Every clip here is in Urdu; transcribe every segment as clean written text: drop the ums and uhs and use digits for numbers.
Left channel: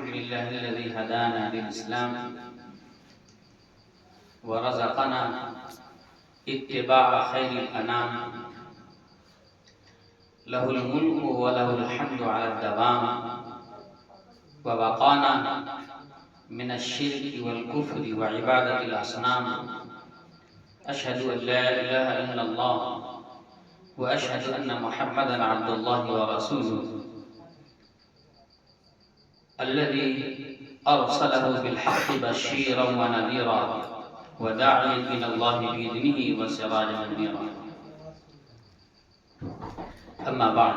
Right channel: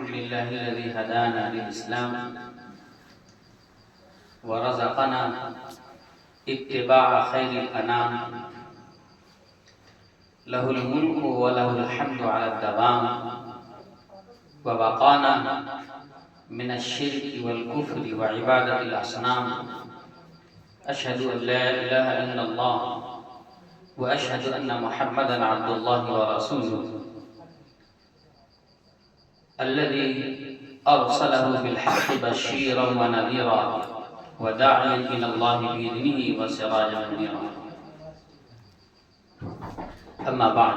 الحمد لله الذي هدانا للإسلام ورزقنا اتباع خير الأنام، له الملك وله الحمد على الدوام، ووقانا من الشرك والكفر وعبادة الأصنام. أشهد أن لا إله إلا الله وأشهد أن محمدا عبد الله ورسوله الذي أرسله بالحق بشيرا ونذيرا وداعيا إلى الله بإذنه وسراجا منيرا. أما بعد،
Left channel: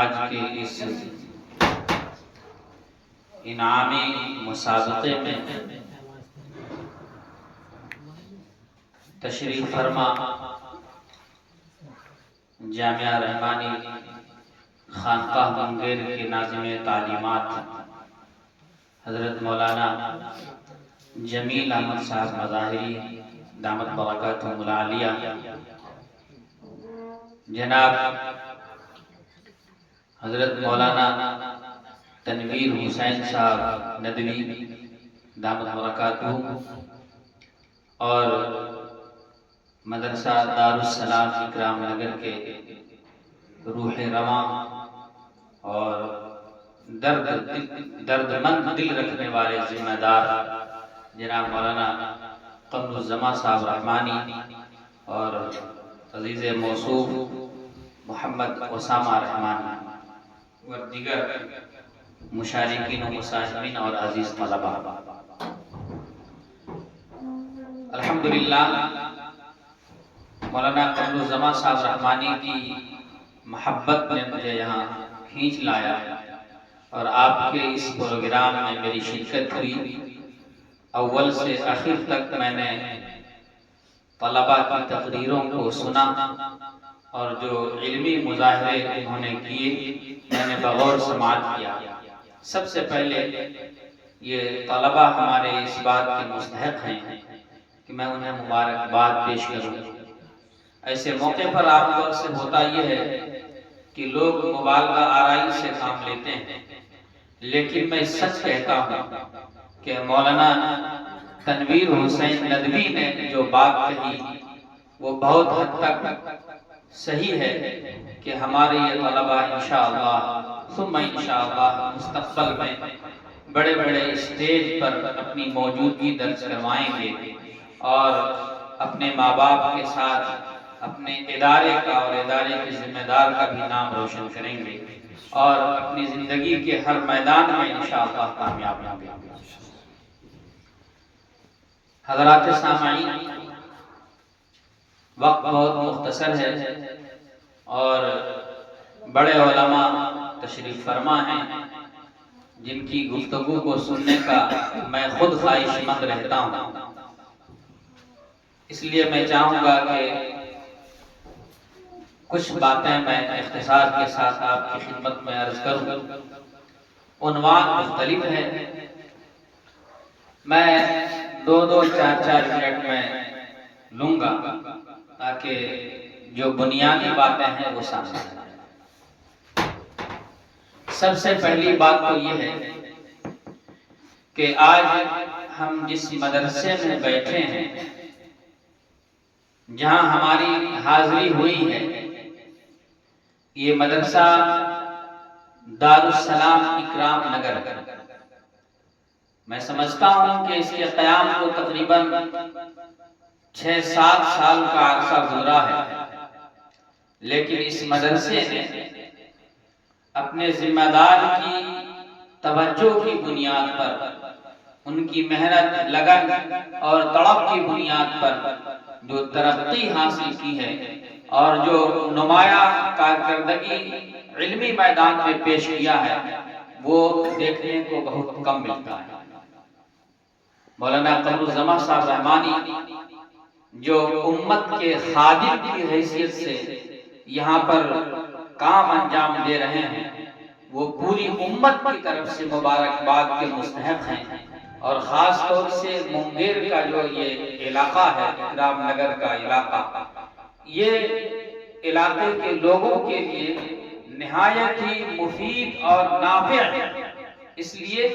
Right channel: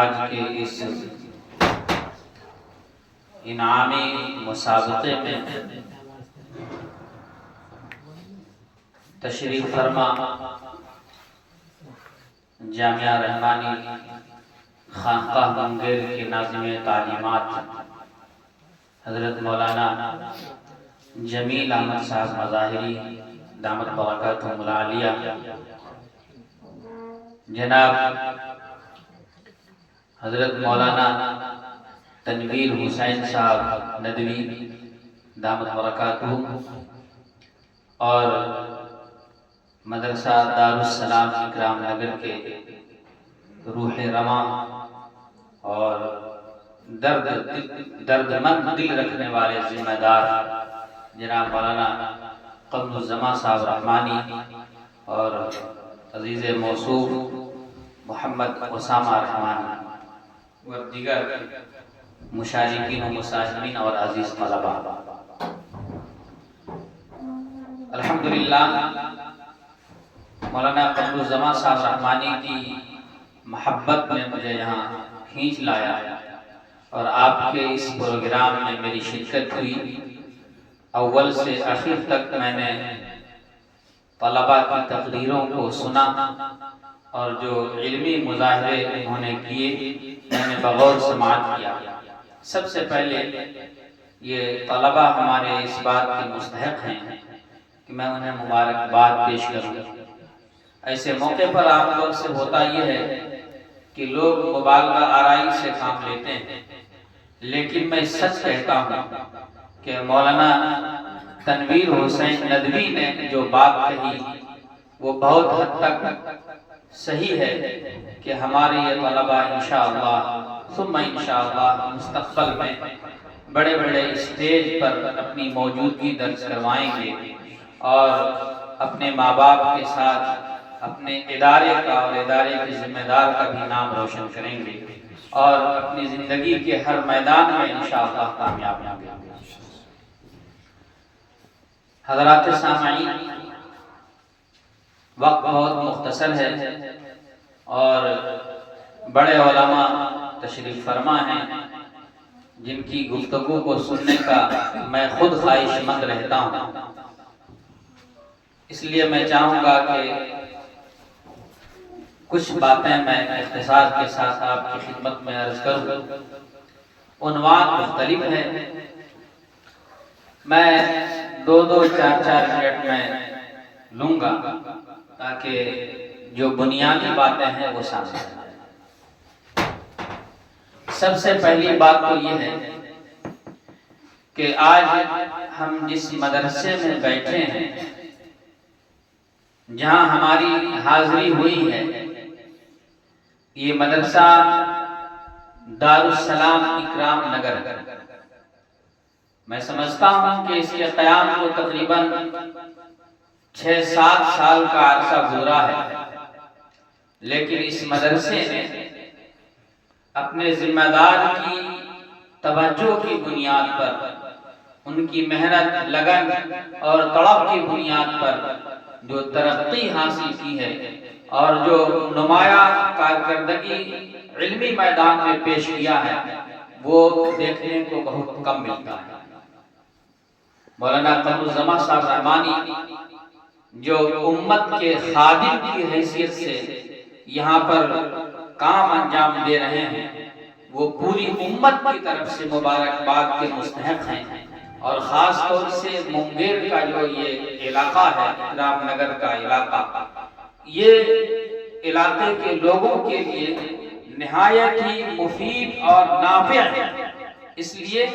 آج کے اس انعامی مسابقے میں تشریف فرما جامعہ رحمانی خانقاہ منگیر کے ناظم تعلیمات حضرت مولانا جمیل احمد صاحب مظاہری دامت برکاتہم العالیہ، جناب حضرت مولانا تنویر حسین صاحب ندوی دامت برکاتہم، اور مدرسہ دارالسلام اکرام نگر کے روح رواں اور درد مند دل رکھنے والے ذمہ دار جناب مولانا قمر الزمان صاحب رحمانی اور عزیز موصوف محمد اسامہ رحمانی اور دیگر مشارکین و مساہمین اور عزیز طلباء، الحمدللہ مولانا قمر الزمان صاحب رحمانی کی محبت نے مجھے یہاں کھینچ لایا اور آپ کے اس پروگرام میں میری شرکت ہوئی۔ اول سے آخر تک میں نے طلباء کی تقریروں کو سنا اور جو علمی مظاہرے انہوں نے کیے میں نے بغور سماعت کیا۔ سب سے پہلے یہ طلباء ہمارے اس بات کے مستحق ہیں کہ میں انہیں مبارکباد پیش کروں۔ ایسے موقع پر عام طور سے ہوتا یہ ہے کہ لوگ مبالغہ آرائی سے کام لیتے ہیں، لیکن میں سچ کہتا ہوں کہ مولانا تنویر حسین ندوی نے جو بات کہی وہ بہت حد تک صحیح ہے کہ ہمارے یہ طلباء انشاءاللہ ثم انشاءاللہ مستقبل میں بڑے بڑے اسٹیج پر اپنی موجودگی درج کروائیں گے اور اپنے ماں باپ کے ساتھ اپنے ادارے کا اور ادارے کے ذمہ دار کا بھی نام روشن کریں گے اور اپنی زندگی کے ہر میدان میں انشاءاللہ کامیاب ہوں گے۔ حضرات سامعین، وقت بہت مختصر ہے اور بڑے علماء تشریف فرما ہیں جن کی گفتگو کو سننے کا میں خود خواہش مند رہتا ہوں۔ اس لیے میں چاہوں گا کہ کچھ باتیں میں اختصار کے ساتھ آپ کی خدمت میں عرض کروں۔ عنوان مختلف ہے، میں دو چار منٹ میں لوں گا تاکہ جو بنیادی باتیں ہیں وہ سامنے آئیں۔ سب سے پہلی بات تو یہ ہے کہ آج ہم جس مدرسے میں بیٹھے ہیں، جہاں ہماری حاضری ہوئی ہے، یہ مدرسہ دارالسلام اکرام نگر، میں سمجھتا ہوں کہ اس کے قیام کو تقریباً 6-7 سال کا عرصہ گزرا ہے، لیکن اس مدرسے نے اپنے ذمہ دار کی توجہ کی بنیاد پر، ان کی محنت، لگن اور تڑپ کی بنیاد پر جو ترقی حاصل کی ہے اور جو نمایاں کارکردگی علمی میدان میں پیش کیا ہے وہ دیکھنے کو بہت کم ملتا ہے۔ مولانا قمر الزمان صاحب رحمانی جو امت کے خادم کی حیثیت سے یہاں پر کام انجام دے رہے ہیں، وہ پوری امت کی طرف سے مبارکباد کے مستحق ہیں اور خاص طور سے منگیر کا جو یہ علاقہ ہے، اکرام نگر کا علاقہ، یہ علاقے کے لوگوں کے لیے نہایت ہی مفید اور نافع ہے، اس لیے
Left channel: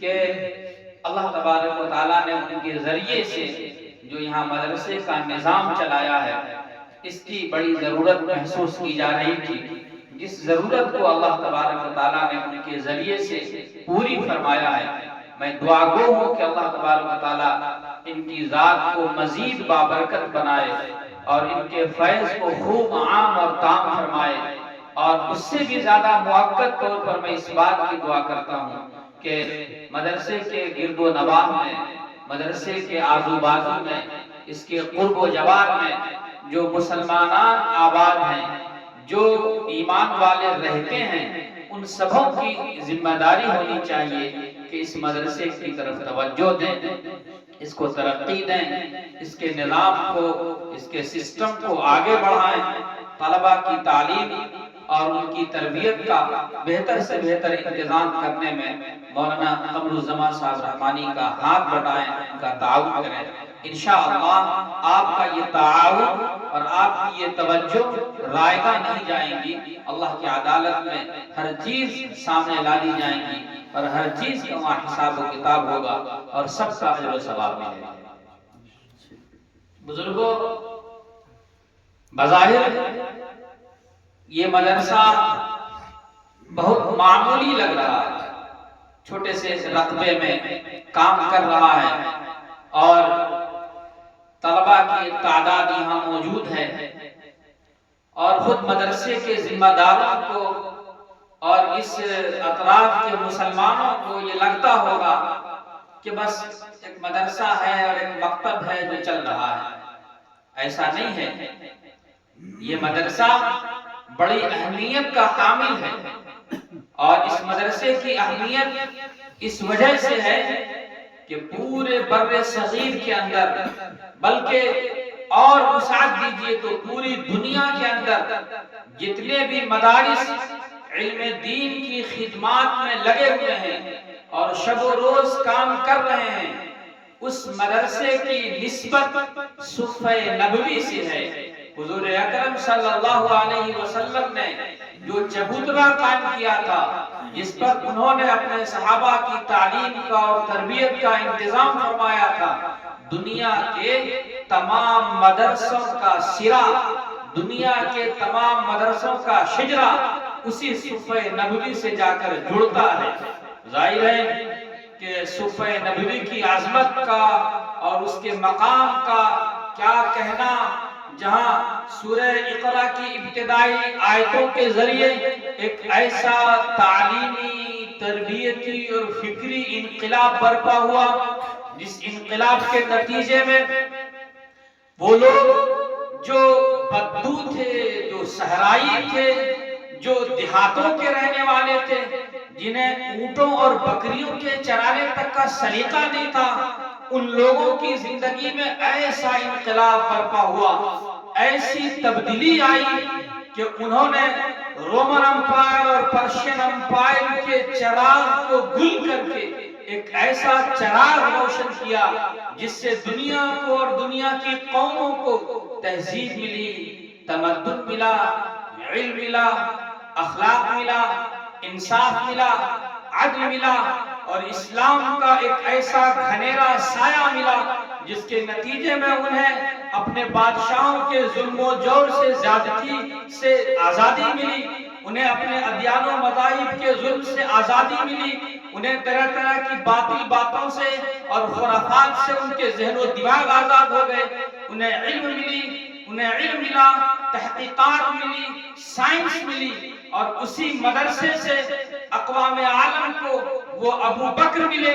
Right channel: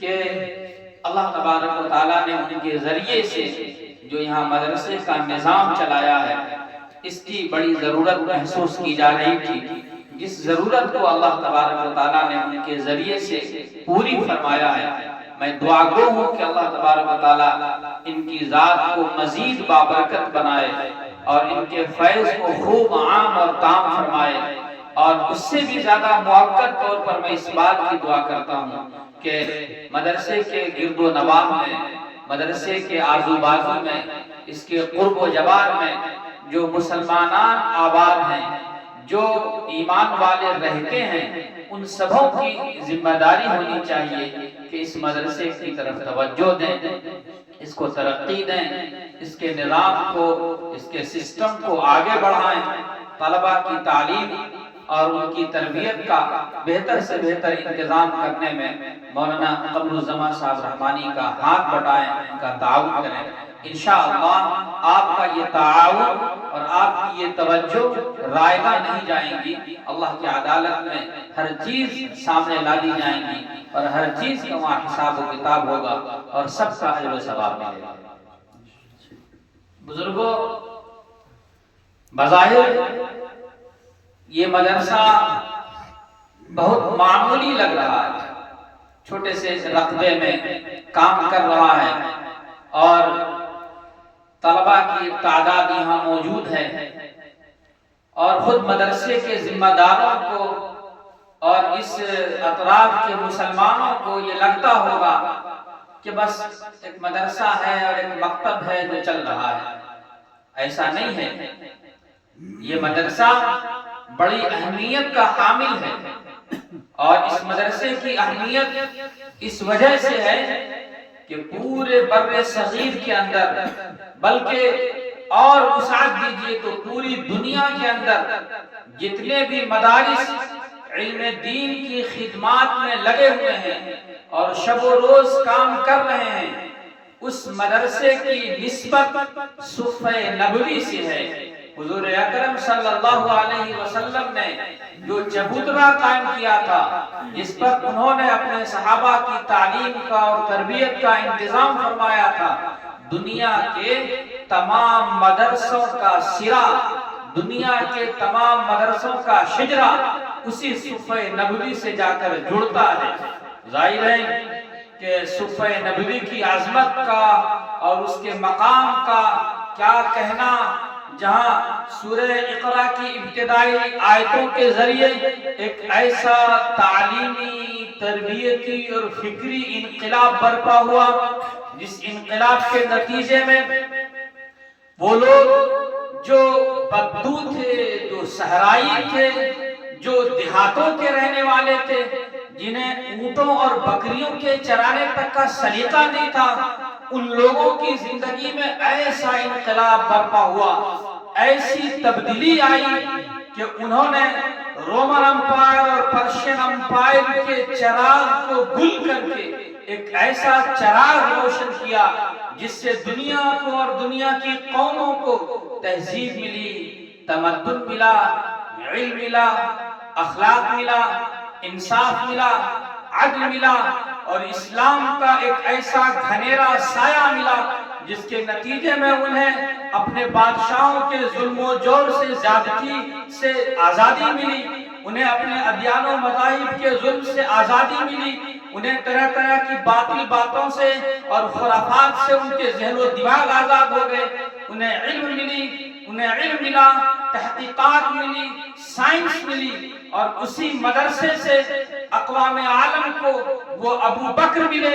کہ اللہ تبارک و تعالیٰ نے ان کے ذریعے سے جو یہاں مدرسے کا نظام چلایا ہے، اس کی بڑی ضرورت محسوس کی جا رہی تھی، جس ضرورت کو اللہ تبارک و تعالیٰ نے ان کے ذریعے سے پوری فرمایا ہے۔ میں دعا گو ہوں کہ اللہ تبارک و تعالیٰ ان کی ذات کو مزید بابرکت بنائے اور ان کے فیض کو خوب عام اور تام فرمائے، اور اس سے بھی زیادہ مؤکد طور پر میں اس بات کی دعا کرتا ہوں کہ مدرسے کے گرد و نواح میں، مدرسے کے آزو بازو میں، اس کے قرب و جوار میں جو مسلمانان آباد ہیں، جو ایمان والے رہتے ہیں، ان سبوں کی ذمہ داری ہونی چاہیے کہ اس مدرسے کی طرف توجہ دیں، اس کو ترقی دیں، اس کے نظام کو، اس کے سسٹم کو آگے بڑھائیں، طلبہ کی تعلیم اور ان کی تربیت کا بہتر سے بہتر انتظام کرنے میں مولانا قمر الزمان صاحب رحمانی کا ہاتھ بٹائیں، ان کا تعاون کریں۔ انشاءاللہ آپ کا یہ تعاون اور آپ کی یہ توجہ رائگاں نہیں جائیں گی، اللہ کی عدالت میں ہر چیز سامنے لا دی جائیں گی اور ہر چیز کا وہاں حساب و کتاب ہوگا اور سب کا اجر و ثواب ملے گا۔ بزرگوں، بظاہر یہ مدرسہ بہت معمولی لگ رہا ہے، چھوٹے سے رقبے میں کام کر رہا ہے اور طلبہ کی ایک تعداد یہاں موجود ہے، اور خود مدرسے کے ذمہ داروں کو اور اس اطراف کے مسلمانوں کو یہ لگتا ہوگا کہ بس ایک مدرسہ ہے اور ایک مکتب ہے جو چل رہا ہے۔ ایسا نہیں ہے، یہ مدرسہ بڑی اہمیت کا حامل ہے، اور اس مدرسے کی اہمیت اس وجہ سے ہے کہ پورے بر صغیر کے اندر، بلکہ اور وسعت دیجئے تو پوری دنیا کے اندر جتنے بھی مدارس علم دین کی خدمات میں لگے ہوئے ہیں اور شب و روز کام کر رہے ہیں، اس مدرسے کی نسبت صفحہ نبوی سے ہے۔ حضور اکرم صلی اللہ علیہ وسلم نے جو چبوترا قائم کیا تھا، جس پر انہوں نے اپنے صحابہ کی تعلیم کا اور تربیت کا انتظام فرمایا تھا، دنیا کے تمام مدرسوں کا سرا، دنیا کے تمام مدرسوں کا شجرہ اسی صفحہ نبوی سے جا کر جڑتا ہے۔ ظاہر ہے کہ صفحہ نبوی کی عظمت کا اور اس کے مقام کا کیا کہنا، جہاں سورہ اقرا کی ابتدائی آیتوں کے ذریعے ایک ایسا تعلیمی، تربیتی اور فکری انقلاب برپا ہوا، جس انقلاب کے نتیجے میں وہ لوگ جو بدو تھے، جو صحرائی تھے، جو دیہاتوں کے رہنے والے تھے، جنہیں اونٹوں اور بکریوں کے چرانے تک کا سلیقہ نہیں تھا، ان لوگوں کی زندگی میں ایسا انقلاب برپا ہوا، ایسی تبدیلی آئی کہ انہوں نے رومن امپائر اور پرشین امپائر کے چراغ کو گل کر کے ایک ایسا چراغ روشن کیا جس سے دنیا کو اور دنیا کی قوموں کو تہذیب ملی، تمدن ملا، علم ملا، اخلاق ملا، انصاف ملا، عدل ملا، اور اسلام کا ایک ایسا گھنیرا سایہ ملا جس کے نتیجے میں انہیں اپنے بادشاہوں کے ظلم و جور سے زیادتی سے آزادی ملی، انہیں اپنے ادیان و مذاہب کے ظلم سے آزادی ملی، انہیں طرح طرح کی باطل باتوں سے اور خرافات سے ان کے ذہن و دماغ آزاد ہو گئے، انہیں علم ملا، تحقیقات ملی، سائنس ملی، اور اسی مدرسے سے اقوام عالم کو وہ ابو بکر ملے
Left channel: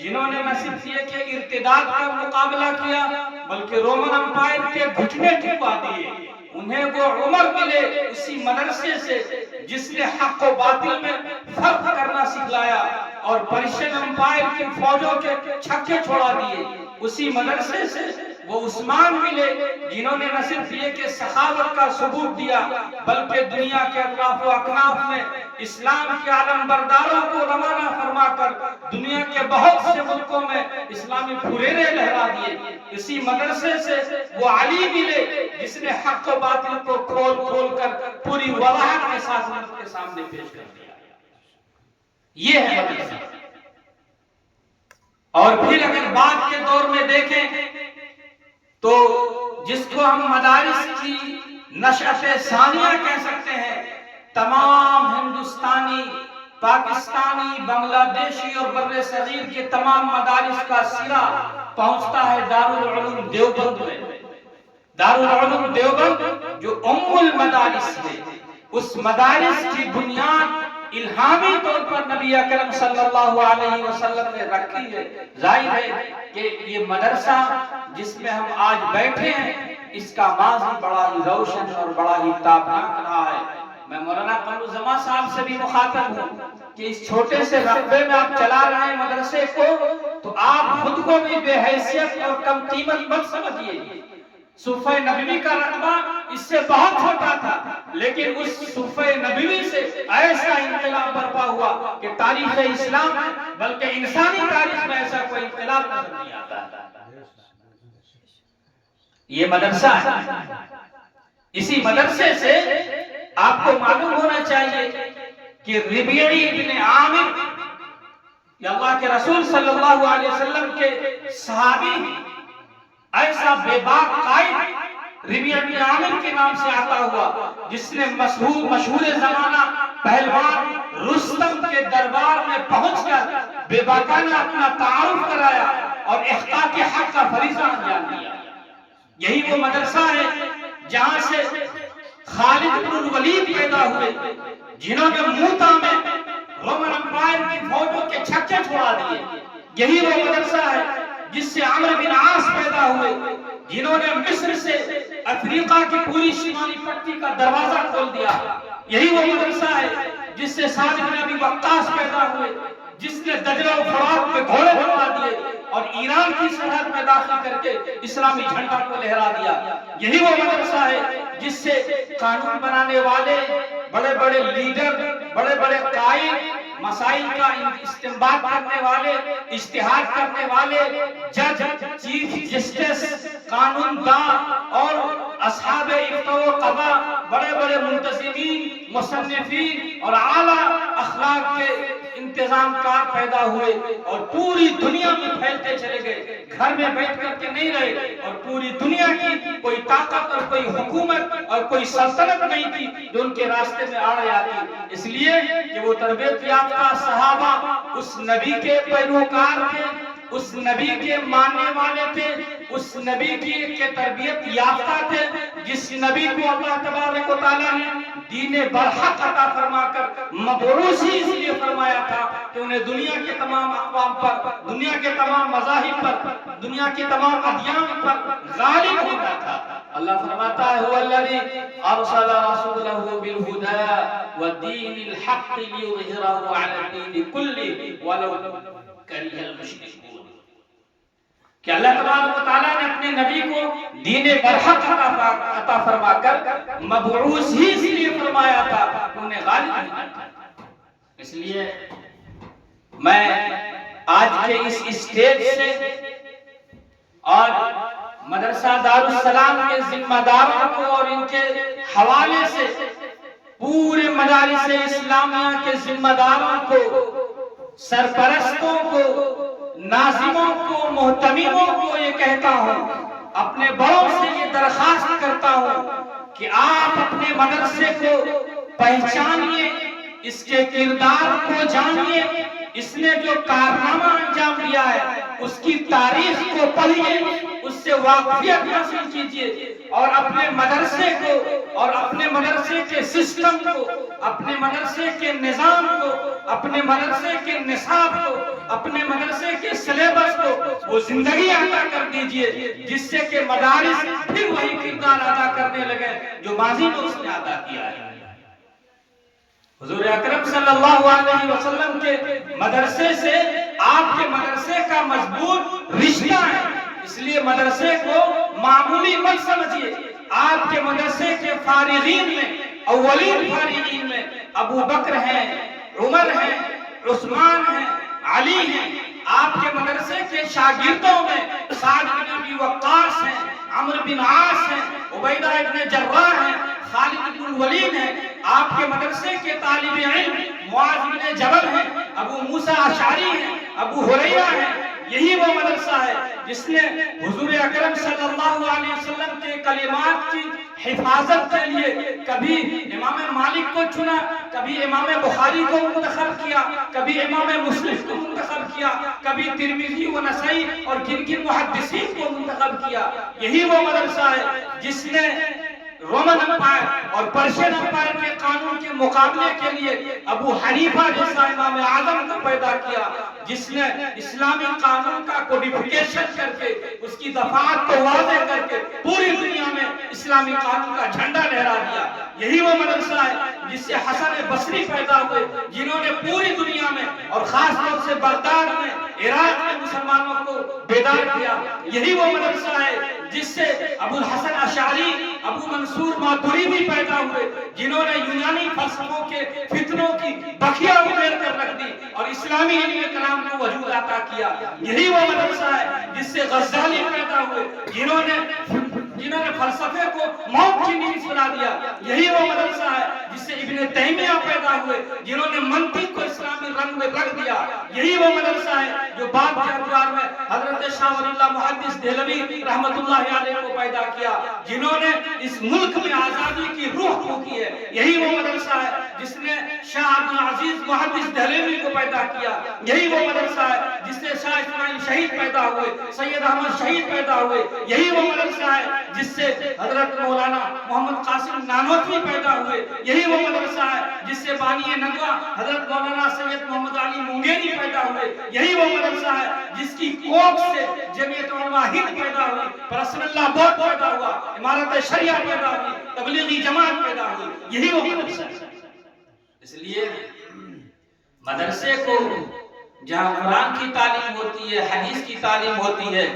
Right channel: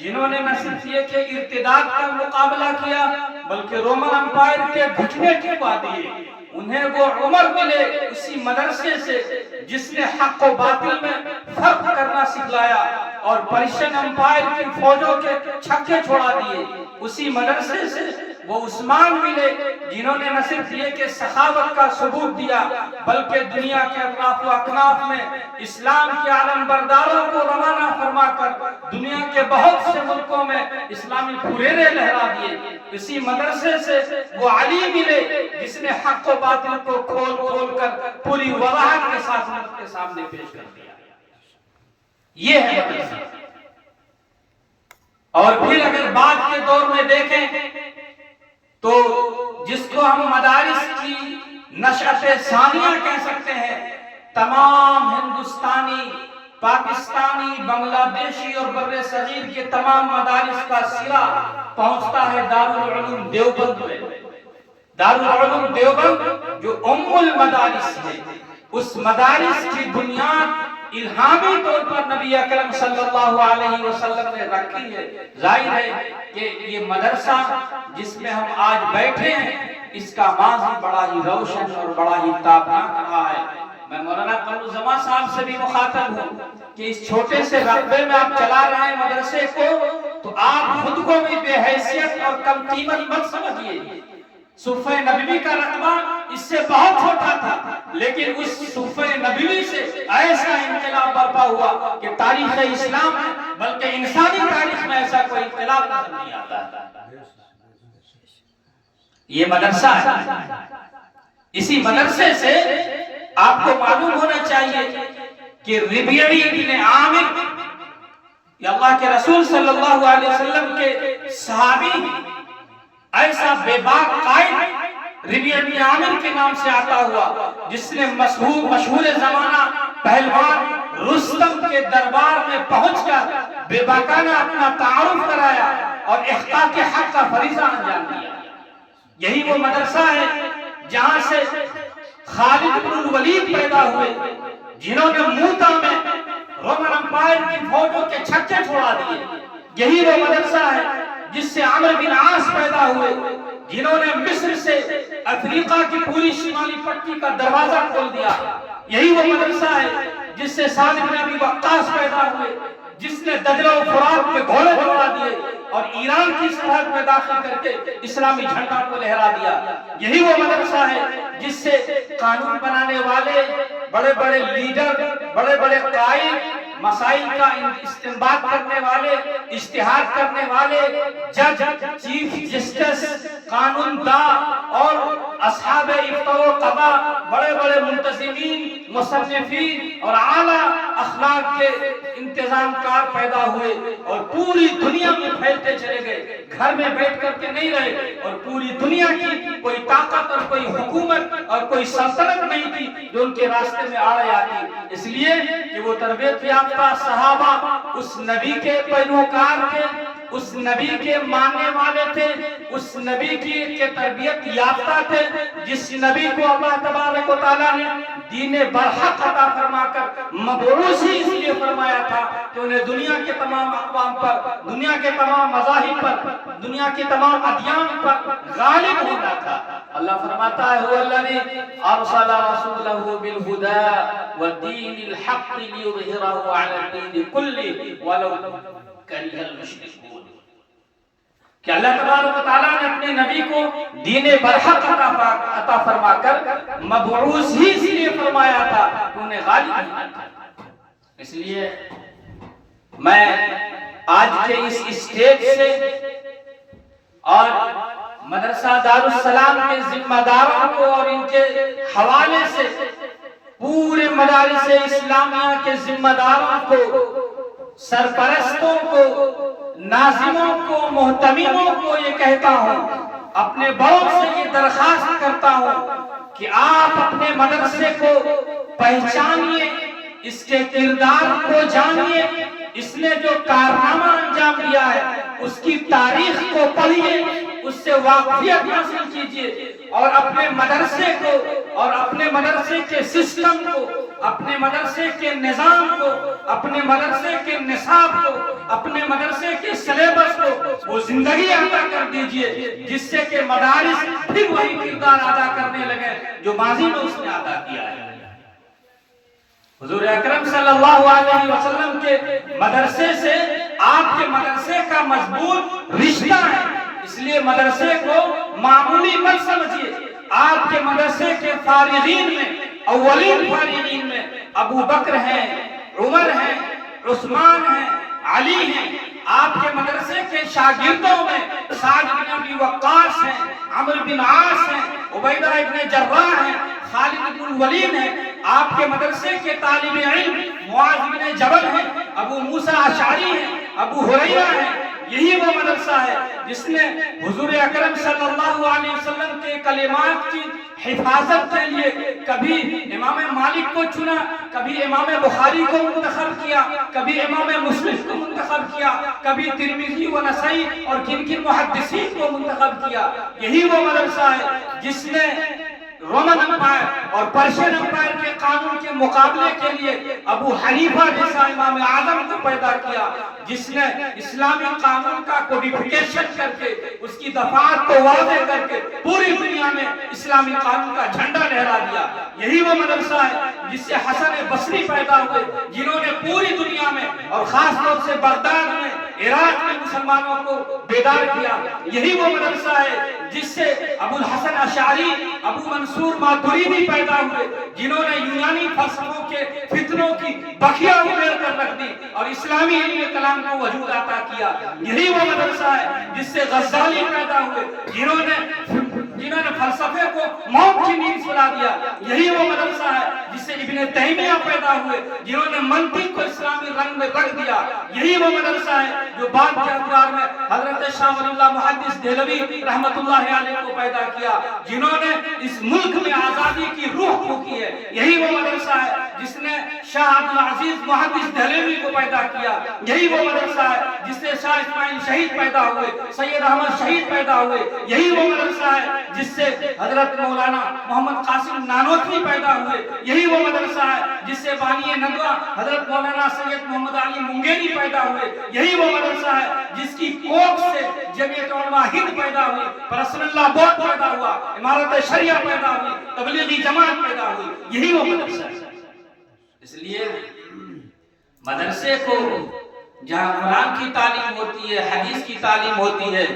جنہوں نے نہ صرف یہ کہ ارتداد کا مقابلہ کیا بلکہ رومن امپائر کے گھٹنے ٹکوا دیے، انہیں وہ عمر ملے اسی مدرسے سے جس نے حق و باطل میں فرق کرنا سکھلایا اور پرشین امپائر کی فوجوں کے چھکے چھوڑا دیے، اسی مدرسے سے وہ عثمان ملے جنہوں نے نہ صرف یہ کہ سخاوت کا ثبوت دیا بلکہ دنیا کے اطراف و اکناف میں اسلام کے علم برداروں کو روانہ فرما کر دنیا کے بہت سے ملکوں میں اسلامی پھریرے لہرا دیے۔ اسی مدرسے سے وہ علی ملے جس نے حق و باطل کو کھول کھول کر پوری وضاحت کے ساتھ امت کے سامنے پیش کر دیا۔ یہ ہے مدرسہ۔ اور پھر اگر بعد کے دور میں دیکھیں تو جس کو ہم مدارس کی نشأت ثانیہ کہہ سکتے ہیں، تمام ہندوستانی، پاکستانی، بنگلہ دیشی اور بر صغیر کے تمام مدارس کا سرا پہنچتا ہے دارالعلوم دیوبند میں۔ دارالعلوم دیوبند جو ام المدارس ہے، اس مدارس کی بنیاد الہامی طور پر نبی اکرم صلی اللہ علیہ وسلم نے رکھی ہے۔ ظاہر ہے کہ یہ مدرسہ جس میں ہم آج بیٹھے ہیں اس کا ماضی بڑا ہی روشن اور بڑا ہی تابناک رہا ہے۔ میں مولانا قمر الزمان صاحب سے بھی مخاطب ہوں کہ اس چھوٹے سے رقبے میں آپ چلا رہے ہیں مدرسے کو، تو آپ خود کو بھی بے حیثیت اور کم قیمت مت سمجھیے۔ صفحہ نبوی کا رقبہ اس سے بہت چھوٹا تھا، لیکن اس صفحہ نبوی سے ایسا انقلاب برپا ہوا کہ تاریخ اسلام میں بلکہ انسانی تاریخ میں ایسا کوئی انقلاب نظر نہیں آتا۔ یہ مدرسہ ہے۔ اسی مدرسے سے آپ کو معلوم ہونا چاہیے کہ ربیعی ابن عامر یہ اللہ کے رسول صلی اللہ علیہ وسلم کے صحابی، ایسا بے باک قائد ربیعی ابن عامر کے نام سے آتا ہوا جس نے مشہور زمانہ پہلوان رستم کے دربار میں پہنچ کر بے باکانہ اپنا تعارف کرایا اور احقاق حق کا فریضہ انجام دیا۔ یہی وہ مدرسہ ہے جہاں سے خالد بن الولید پیدا ہوئے جنہوں نے موتا میں رومن امپائر کی فوجوں کے چھکے چھوڑا دیے۔ یہی وہ مدرسہ ہے جس سے عمرو بن عاص پیدا ہوئے جنہوں نے مصر سے افریقہ کی پوری شمالی پٹی کا دروازہ کھول دیا۔ یہی وہ مدرسہ ہے جس سے سعد بن ابی وقاص پیدا ہوئے جس نے دجلہ و فرات کے گھوڑے بنا دیے اور ایران کی سرحد میں داخل کر کے اسلامی جھنڈا کو لہرا دیا۔ یہی وہ مدرسہ ہے جس سے قانون بنانے والے، بڑے بڑے لیڈر، بڑے بڑے قائد، مسائل کا استنباط کرنے والے، اجتہاد کرنے والے، جج، چیف جسٹس، قانون دا اور اصحاب افتاء و قضا، بڑے بڑے منتظمین، مصنفین اور اعلیٰ اخلاق کے انتظام کار پیدا ہوئے اور پوری دنیا میں پھیلتے چلے گئے۔ گھر میں بیٹھ کر کے نہیں رہے اور پوری دنیا کی کوئی طاقت اور کوئی حکومت اور کوئی سلطنت نہیں تھی جو ان کے راستے میں آڑے آتی، اس لیے کہ وہ تربیت یافتہ صحابہ اس نبی کے پیروکار تھے، اس نبی کے ماننے والے تھے، اس نبی کی تربیت یافتہ تھے جس نبی کو اللہ تبارک و تعالیٰ نے دین برحق عطا فرما کر مبعوث ہی اس لیے فرمایا تھا کہ انہیں دنیا کے تمام اقوام پر، دنیا کے تمام مذاہب پر، دنیا کے تمام ادیان پر غالب ہونا تھا۔ اللہ فرماتا ہے هو الذی ارسل رسولہ بالہدی ودین الحق لیظہرہ علی الدین کلہ ولو کرہ المشرکون، کہ اللہ تبارک و تعالیٰ نے اپنے نبی کو دین برحق عطا فرما کر مبعوث ہی اس لیے فرمایا تھا کہ انہیں غالب ہونا تھا۔ اس لیے میں آج کے اس اسٹیج سے اور مدرسہ دارالسلام کے ذمہ داروں کو اور ان کے حوالے سے پورے مدارس اسلامیہ کے ذمہ داروں کو، سرپرستوں کو، ناظموں کو، محتمموں کو یہ کہتا ہوں، اپنے بڑوں سے یہ درخواست کرتا ہوں کہ آپ اپنے مدرسے کو پہچانیے، اس کے کردار کو جانیے، اس نے جو کارنامہ انجام دیا ہے اس کی تاریخ کو پڑھیے، اس سے واقفیت حاصل کیجیے اور اپنے مدرسے کو اور اپنے مدرسے کے سسٹم کو، اپنے مدرسے کے نظام کو، اپنے مدرسے کے نصاب کو، اپنے مدرسے کے سلیبس کو وہ زندگی عطا کر دیجئے جس سے کہ مدارس پھر وہی کردار ادا کرنے لگے جو ماضی میں اس نے ادا کیا ہے۔ حضور اکرم صلی اللہ علیہ وسلم کے مدرسے سے آپ کے مدرسے کا مضبوط رشتہ ہے، اس اس لیے مدرسے کو معمولی مت سمجھیے. آپ کے مدرسے کے فارغین میں اولین فارغین میں ابو بکر ہیں، عمر ہیں، عثمان ہیں، علی ہیں. آپ کے مدرسے کے شاگردوں میں سعد بن ابی وقاص ہیں، عمرو بن عاص ہیں، عبیدہ ابن جراح ہیں، خالد بن الولید ہیں. آپ کے مدرسے کے طالب علم معاذ بن جبل ہیں، ابو موسیٰ اشعری ہیں، ابو ہریرہ ہیں. یہی وہ مدرسہ ہے جس نے حضور اکرم صلی اللہ علیہ وسلم کے کلمات کی حفاظت کے لیے کبھی امام مالک کو چنا، کبھی امام بخاری کو منتخب کیا، کبھی امام مسلم کو منتخب کیا، کبھی ترمذی و نسائی اور کن کن محدثین کو منتخب کیا. یہی وہ مدرسہ ہے جس نے رومن امپائر اور پرشین امپائر کے قانون کے مقابلے کے لیے ابو حنیفہ جیسا امام اعظم کو پیدا کیا، جس نے اسلامی قانون کا کوڈیفیکیشن کر کے اس کی دفعات کو واضح کر کے پوری دنیا میں اسلامی قانون کا جھنڈا لہرا دیا. یہی وہ مدرسہ ہے جس سے حسن بصری پیدا ہوئے، جنہوں نے پوری دنیا میں اور خاص طور سے بغداد میں، عراق میں مسلمانوں کو بیدار کیا. یہی وہ مدرسہ ہے جس سے ابو الحسن اشعری، ابو منصور ماتریدی پیدا ہوئے، جنہوں نے یونانی فلسفوں کے فتنوں کی بخیا اڑیل کر رکھ دی اور اسلامی علم کلام کو وجود عطا کیا. یہی وہ مدرسہ ہے جس سے غزالی پیدا ہوئے، جنہوں نے فلسفے کو موت کی نیند سلا دیا. یہی وہ مدرسہ ہے جس سے ابن تیمیہ پیدا ہوئے، جنہوں نے منطق کو اسلامی رنگ میں رکھ دیا. یہی وہ مدرسہ ہے جو بعد کے ادوار میں حضرت شاہ ولی اللہ محدث دہلوی رحمت اللہ علیہ کو پیدا کیا، جنہوں نے اس ملک میں آزادی کی روح پھونکی ہے. یہی وہ مدرسہ ہے جس نے شاہ عبد العزیز محدث دہلوی کو پیدا کیا. یہی وہ مدرسہ ہے جس سے شاہ اسماعیل شہید پیدا ہوئے، سید احمد شہید پیدا ہوئے. یہی وہ مدرسہ ہے جس سے حضرت مولانا محمد قاسم نانوتوی پیدا ہوئے. یہی وہ مدرسہ ہے جس سے بانی ندوہ حضرت مولانا سید محمد علی منگیری پیدا ہوئے. یہی وہ مدرسہ ہے جس کی کوکھ سے جمعیت علماء ہند پیدا ہوئی، رسول اللہ بورڈ پیدا ہوا، امارت شریعہ پیدا ہوئی، تبلیغی جماعت پیدا ہوئی. یہی وہ مدرسہ ہے. اس لیے مدرسے کو جہاں قرآن کی تعلیم ہوتی ہے، حدیث کی تعلیم ہوتی ہے،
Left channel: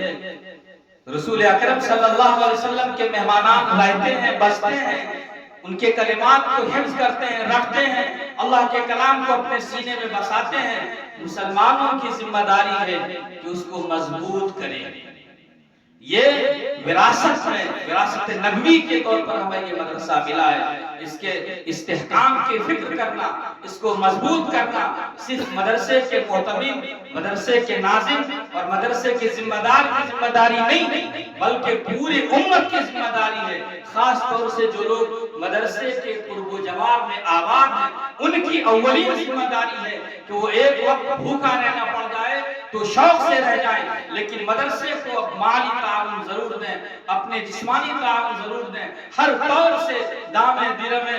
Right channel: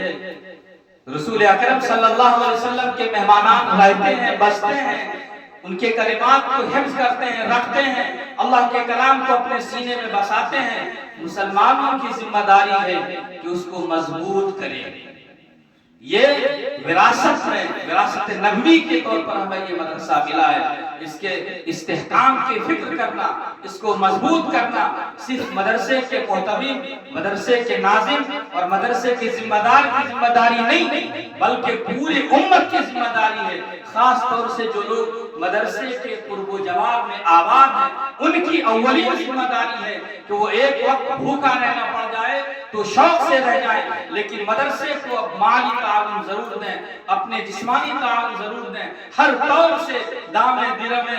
رسول اکرم صلی اللہ علیہ وسلم کے مہمانان رہتے ہیں، بستے ہیں، ان کے کلمات کو حفظ کرتے ہیں، رکھتے ہیں، اللہ کے کلام کو اپنے سینے میں بساتے ہیں. مسلمانوں کی ذمہ داری ہے کہ اس کو مضبوط کریں. یہ وراثت میں، وراثت نبوی کے طور پر ہمیں یہ مدرسہ ملا ہے. اس کے استحکام کی فکر کرنا، اس کو مضبوط کرنا صرف مدرسے کے محتوی، مدرسے کے ناظم اور مدرسے کے ذمہ دار کی ذمہ داری نہیں، بلکہ پوری امت کی ذمہ داری ہے. خاص طور سے جو لوگ مدرسے کے قرب و جوار میں آباد ہیں، ان کی اولین ذمہ داری ہے کہ وہ ایک وقت بھوکا رہنا پڑ جائے تو شوق سے رہ جائیں، لیکن مدرسے کو مالی تعاون ضرور دیں، اپنے جسمانی تعاون ضرور دیں. ہر طور سے دامے درمے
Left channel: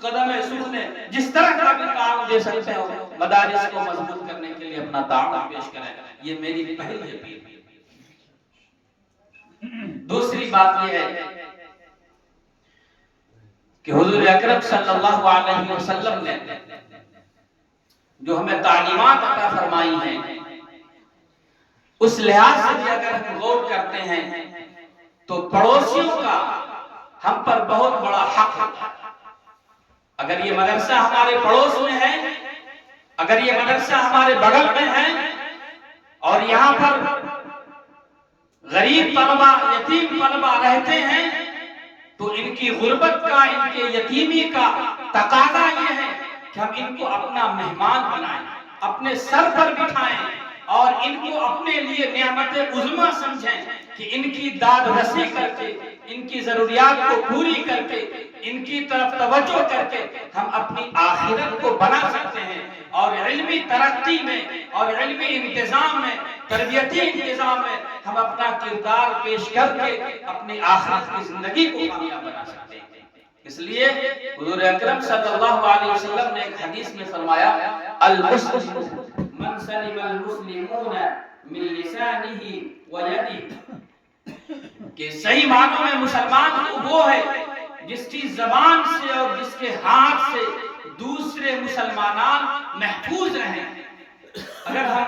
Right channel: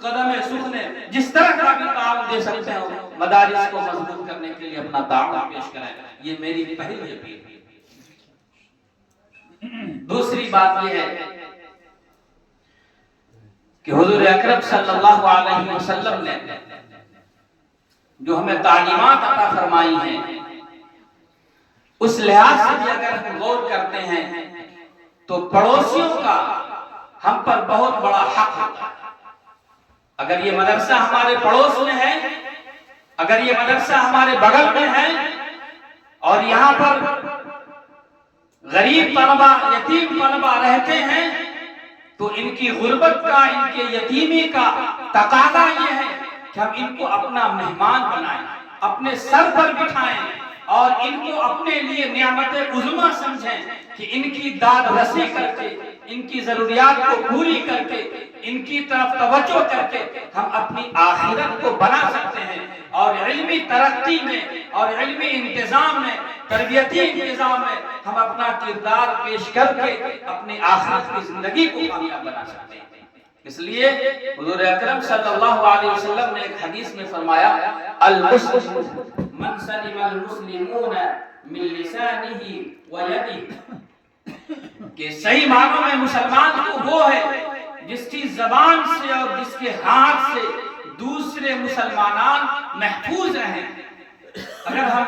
قدم سخنے جس طرح کا بھی تعاون دے سکتے ہیں، مدارس کو مضبوط کرنے کے لیے اپنا تعاون پیش کریں. یہ میری پہلی اپیل ہے. دوسری بات یہ ہے کہ حضور اکرم صلی اللہ علیہ وسلم نے جو ہمیں تعلیمات عطا فرمائی ہیں، اس لحاظ سے بھی اگر ہم غور کرتے ہیں تو پڑوسیوں کا ہم پر بہت بڑا حق ہے. اگر یہ مدرسہ ہمارے پڑوس میں ہے، اگر یہ مدرسہ ہمارے بغل میں ہے اور یہاں پر غریب طلبہ، یتیم طلبہ رہتے ہیں، تو ان کی غربت کا، ان کے یتیمی کا تقاضا یہ ہے کہ ہم ان کو اپنا مہمان بنائیں، اپنے سر پر بٹھائیں اور ان کو اپنے لیے نعمت عظمیٰ سمجھیں کہ ان کی داد رسی کر کے، ان کی ضروریات کو پوری کر کے، ان کی طرف توجہ کر کے ہم اپنی آخرت کو بنا سکتے ہیں. اور علمی ترقی میں اور علمی انتظام میں، تربیتی انتظام میں ہم اپنا کردار پیش کر کے اپنی آخرت کی زندگی کو کامیاب بنا سکتے ہیں. اس لیے حضور اکرم صلی اللہ علیہ وسلم نے ایک حدیث میں فرمایا، المسلم من سلم المسلمون من لسانه ويده، کہ صحیح معنوں میں مسلمان تو وہ ہے جس کی زبان سے اور جس کے ہاتھ سے دوسرے مسلمانان محفوظ رہیں. اگر ہم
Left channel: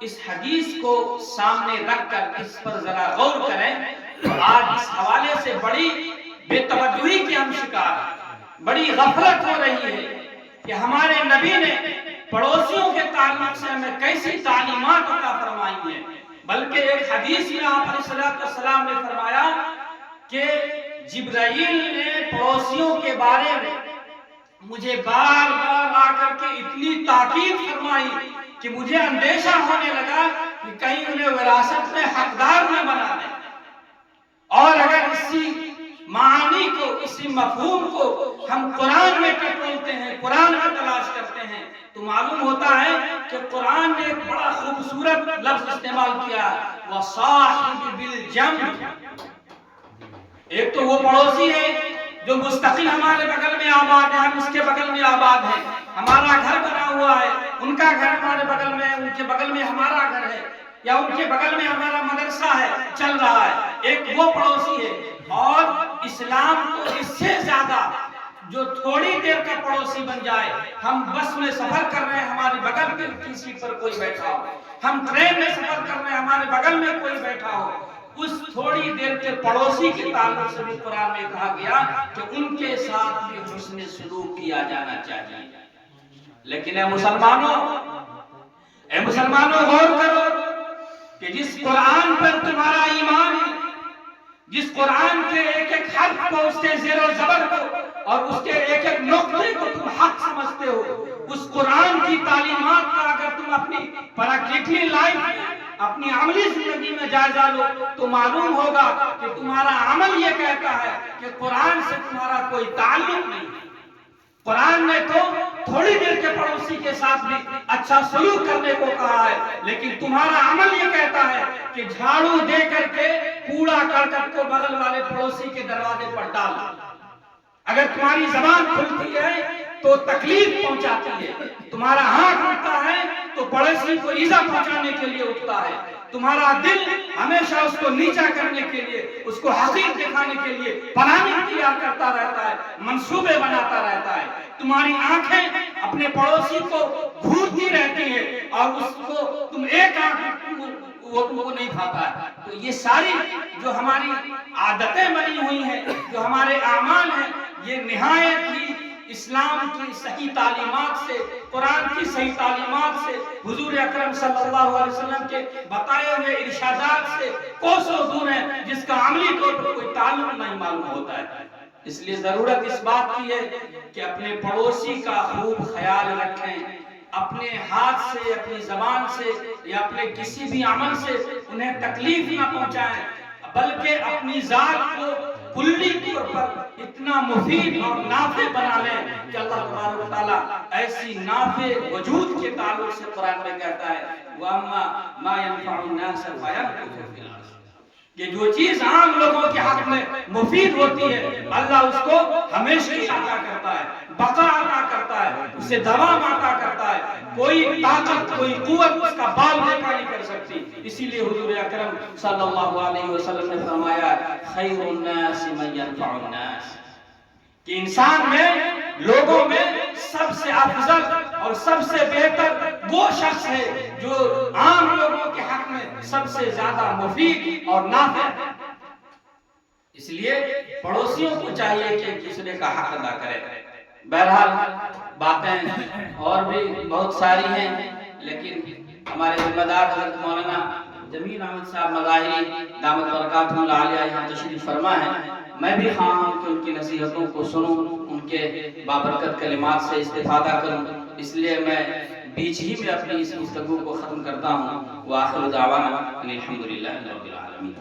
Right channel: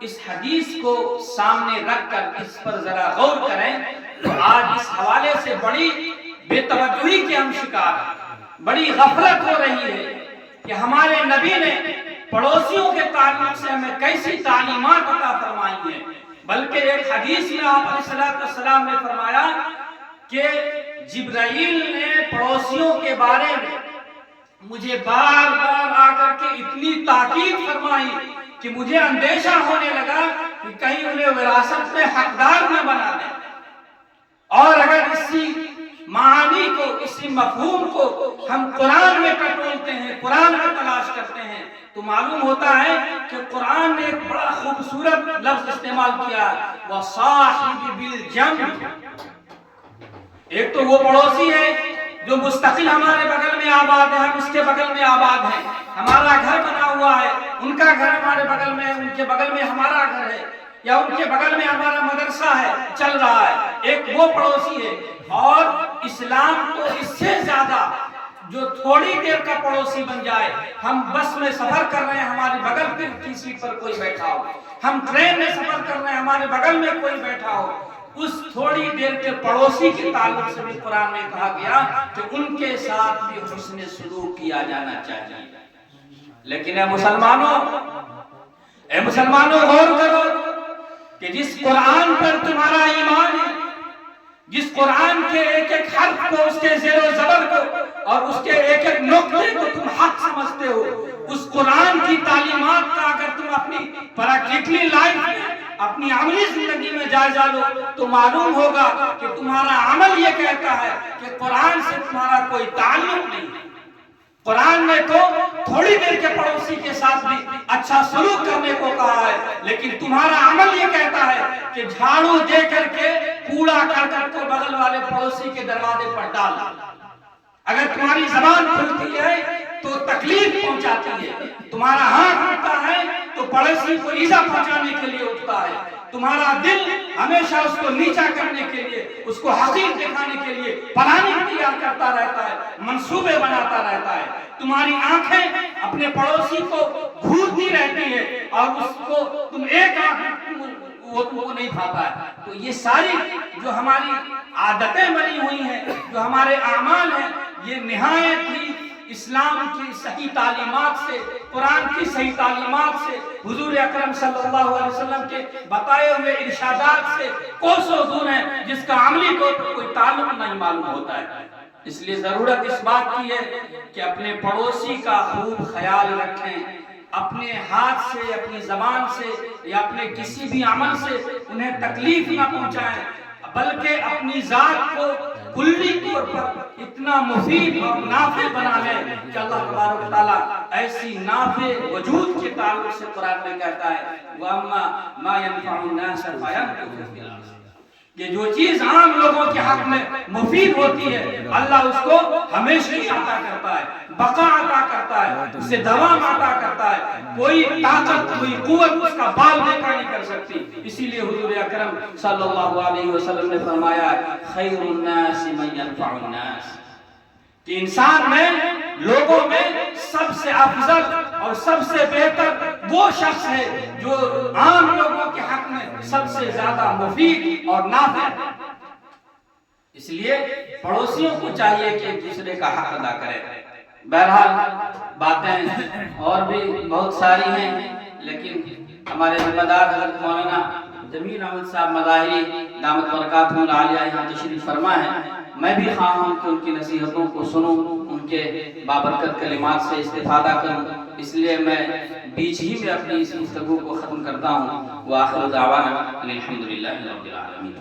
اس حدیث کو سامنے رکھ کر اس پر ذرا غور کریں تو آج اس حوالے سے بڑی بے توجہی کے ہم شکار ہیں، بڑی غفلت ہو رہی ہے کہ ہمارے نبی نے پڑوسیوں کے تعلق سے ہمیں کیسی تعلیمات عطا فرمائی ہیں۔ بلکہ ایک حدیث میں آپ علیہ السلام نے فرمایا کہ جبرائیل نے پڑوسیوں کے بارے میں مجھے بار بار آ کر کے اتنی تاکید فرمائی کہ مجھے اندیشہ ہونے لگا کہ کہیں انہیں وراثت میں حقدار نہ بنا دیں۔ اور اگر اسی معانی کو، اسی مفہوم کو ہم قرآن میں ٹٹولتے ہیں، قرآن میں تلاش کرتے ہیں، تو معلوم ہوتا ہے کہ قرآن نے ایک بڑا خوبصورت لفظ استعمال کیا، وَصَاحِبِ بِالْجَنْبِ۔ ایک تو وہ پڑوسی ہے جو مستقل ہمارے بغل میں آباد ہے، ہم اس کے بغل میں آباد ہیں، ہمارا گھر بنا ہوا ہے، ان کا گھر ہمارے بغل میں ہے، ان کے بغل میں ہمارا گھر ہے، یا ان کے بغل میں ہمارا مدرسہ ہے، چل رہا ہے، ایک وہ پڑوسی ہے۔ اور اسلام تو اس سے زیادہ جو تھوڑی دیر کا پڑوسی بن جائے، ہم بس میں سفر کر رہے ہیں، ہماری بغل کی سیٹ پر کوئی بیٹھا ہو، ہم ٹرین میں سفر کر رہے ہیں، ہمارے بغل میں کوئی بیٹھا ہو، اس تھوڑی دیر کے پڑوسی کے تعلق سے بھی قرآن میں کہا گیا کہ ان کے ساتھ بھی حسن سلوک کیا جانا چاہیے۔ لیکن اے مسلمانوں غور کرو کہ جس قرآن پر تمہارا ایمان ہے، جس قرآن کے ایک ایک حرف کو، اس کے زیر و زبر کو اور اس کے ایک ایک نقطے کو تم حق سمجھتے ہو، اس قرآن کی تعلیمات کا اگر تم اپنی پریکٹیکلی لائف میں، اپنی عملی زندگی میں جائزہ لو تو معلوم ہوگا کہ تمہارا عمل یہ کہتا ہے کہ قرآن سے تمہارا کوئی تعلق نہیں ہے۔ قرآن نے تو تھوڑی دیر کے پڑوسی کے ساتھ بھی اچھا سلوک کرنے کو کہا ہے، لیکن تمہارا عمل یہ کہتا ہے کہ جھاڑو دے کر کے کوڑا کرکٹ کو بغل والے پڑوسی کے دروازے پر ڈال دو۔ اگر تمہاری زبان کھلتی ہے تو تکلیف پہنچاتی ہے، تمہارا ہاتھ اٹھتا ہے تو پڑوسی کو ایذا پہنچانے کے لیے اٹھتا ہے، تمہارا دل ہمیشہ اس کو نیچا کرنے کے لیے، اس کو حقیر دکھانے کے لیے پلاننگ تیار کرتا رہتا ہے، منصوبے بناتا رہتا ہے، تمہاری آنکھیں اپنے پڑوسی کو گھورتی رہتی ہے اور اس کو تم ایک آنکھ وہ تم کو نہیں کھاتا ہے۔ تو یہ ساری جو ہماری عادتیں بنی ہوئی ہیں، جو ہمارے اعمال ہیں، یہ نہایت ہی اسلام کی صحیح تعلیمات سے، قرآن کی صحیح تعلیمات سے، حضور اکرم صلی اللہ علیہ وسلم کے بتائے ہوئے ارشادات سے کوسوں دور ہیں، جس کا عملی طور پر کوئی تعلق نہیں معلوم ہوتا ہے۔ اس لیے ضرورت اس بات کی ہے کہ اپنے پڑوسی کا خوب خیال رکھیں، اپنے ہاتھ سے، اپنی زبان سے یا اپنے کسی بھی عمل سے انہیں تکلیف نہ پہنچائیں، بلکہ اپنی ذات کو کلی طور پر اتنا مفید اور نافع بنا لیں کہ اللہ تبارک و تعالیٰ ایسی نافع وجود کے تعلق سے قرآن میں کہتا ہے وَأَمَّا مَا يَنْفَعُ النَّاسَ فَيَمْكُثُ فِي الْأَرْضِ۔ کہ جو چیز عام لوگوں کے حق میں مفید ہوتی ہے، اللہ اس کو ہمیشہ عطا کرتا ہے، بقا عطا کرتا ہے، اسے دوام عطا کرتا ہے، کوئی طاقت، کوئی قوت اس کا بال بیکا نہیں کر سکتی۔ اسی لیے حضور اکرم صلی اللہ علیہ وسلم نے فرمایا خیر الناس من ينفع الناس، کہ انسان میں، لوگوں میں سب سے افضل اور سب سے بہتر وہ شخص ہے جو عام لوگوں کے حق میں سب سے زیادہ مفید اور نافع ہے۔ اس لیے پڑوسیوں کو چاہیے کہ ایک دوسرے کا حق ادا کرے۔ بہرحال باتیں اور بھی بہت ساری ہیں، لیکن ہمارے ذمہ دار حضرت مولانا جمیل احمد صاحب مظاہری دامت برکاتہ العالیہ یہاں تشریف فرما ہے، میں بھی خواہاں ہوں کہ ان کی نصیحتوں کو سنوں، ان کے بابرکت کلمات سے استفادہ کروں، اس لیے میں بیچ ہی میں اپنی اس گفتگو کو ختم کرتا ہوں۔ وآخر دعوانا الحمدللہ رب العالمین۔